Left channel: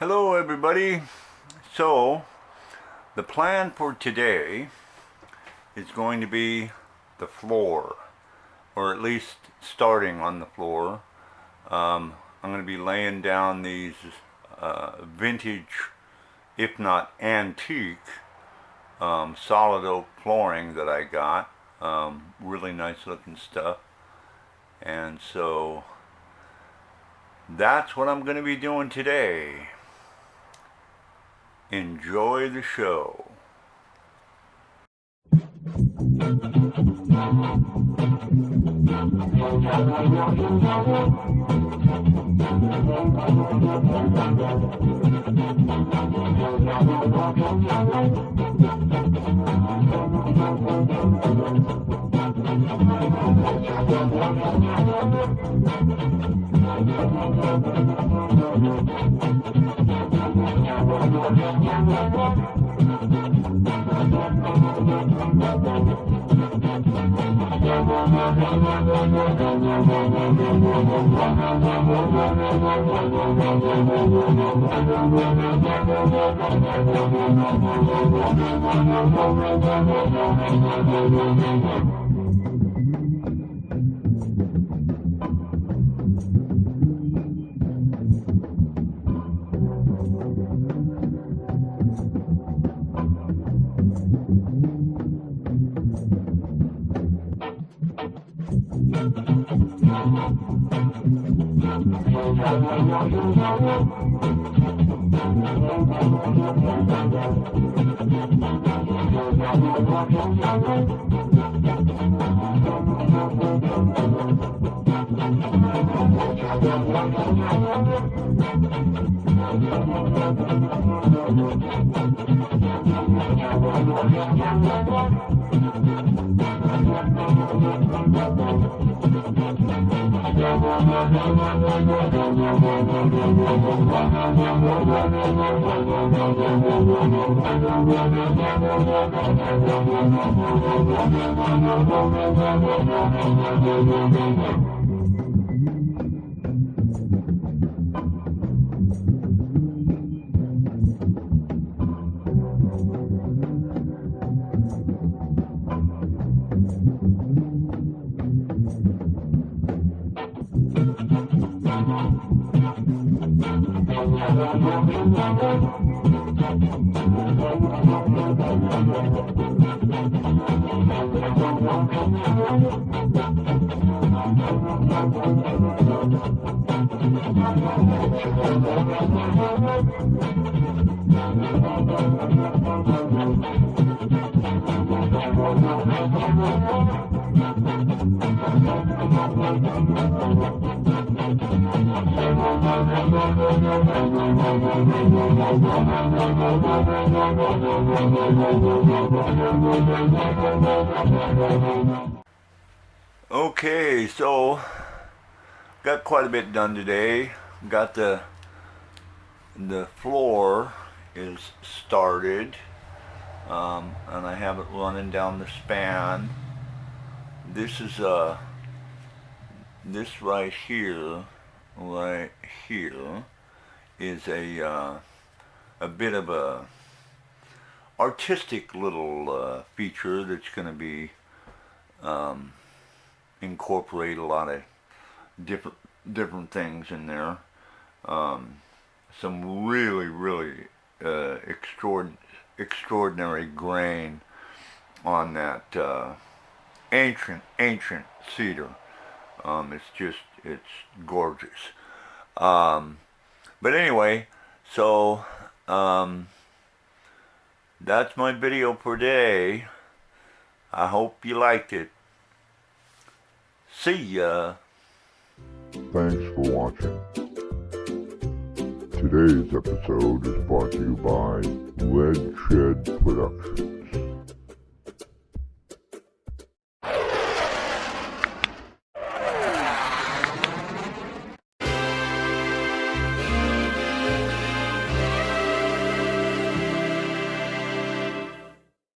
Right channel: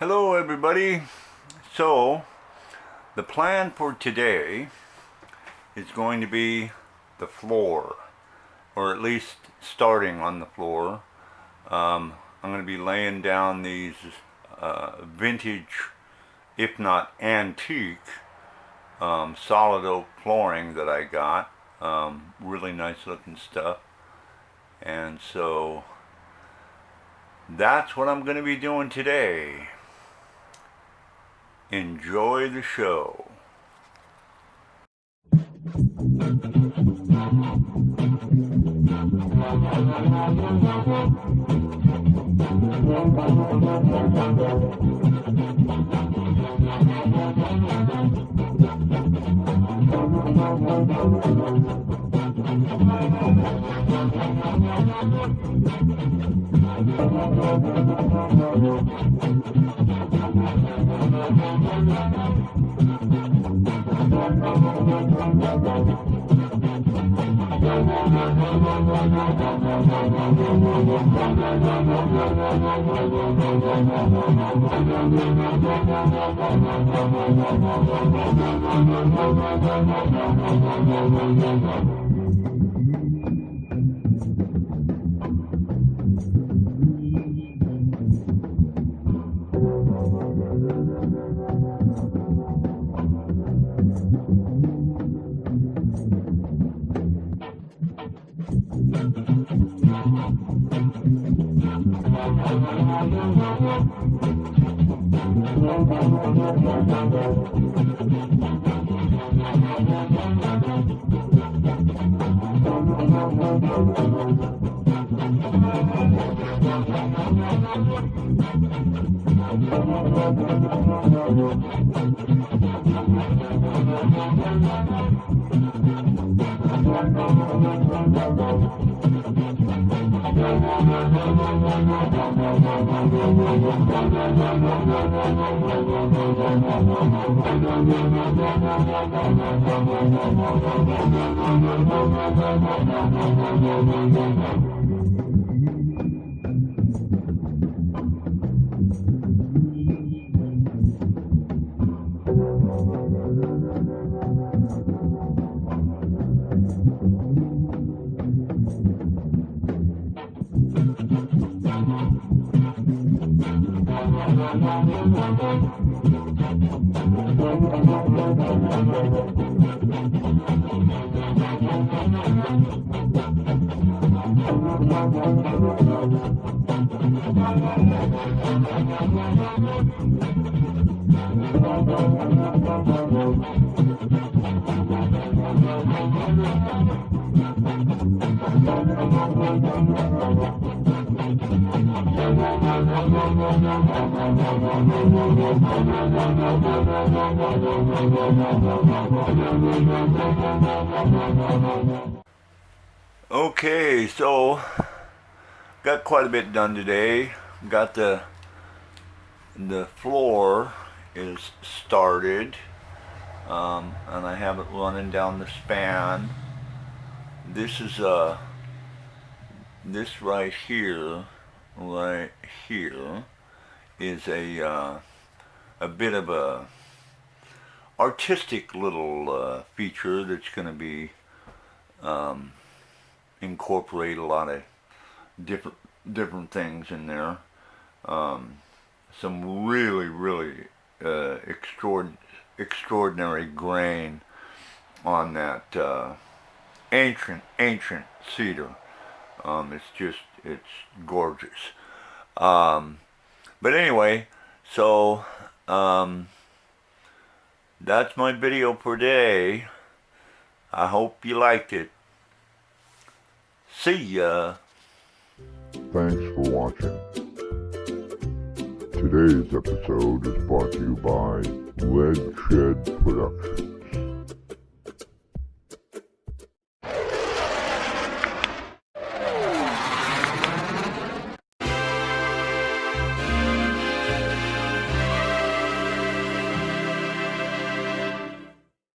Hello everybody. So the plan for today is going to be the floor, or at least starting on the floor. I'm going to be laying down these vintage, if not antique, solid oak flooring that I got. Really nice looking stuff. And so that's what I'm going to be doing today. Enjoy the show. Okay, so got quite a bit done today. Got the floor is started, and I have it running down the span. This is this right here is a bit of a artistic little feature that's going to be incorporate a lot of different things in there. Some really extraordinary grain on that ancient cedar. It's gorgeous. But anyway, so that's my video for today. I hope you liked it. See ya. Thanks for watching. Today's episode is brought to you by Lead Shed Productions.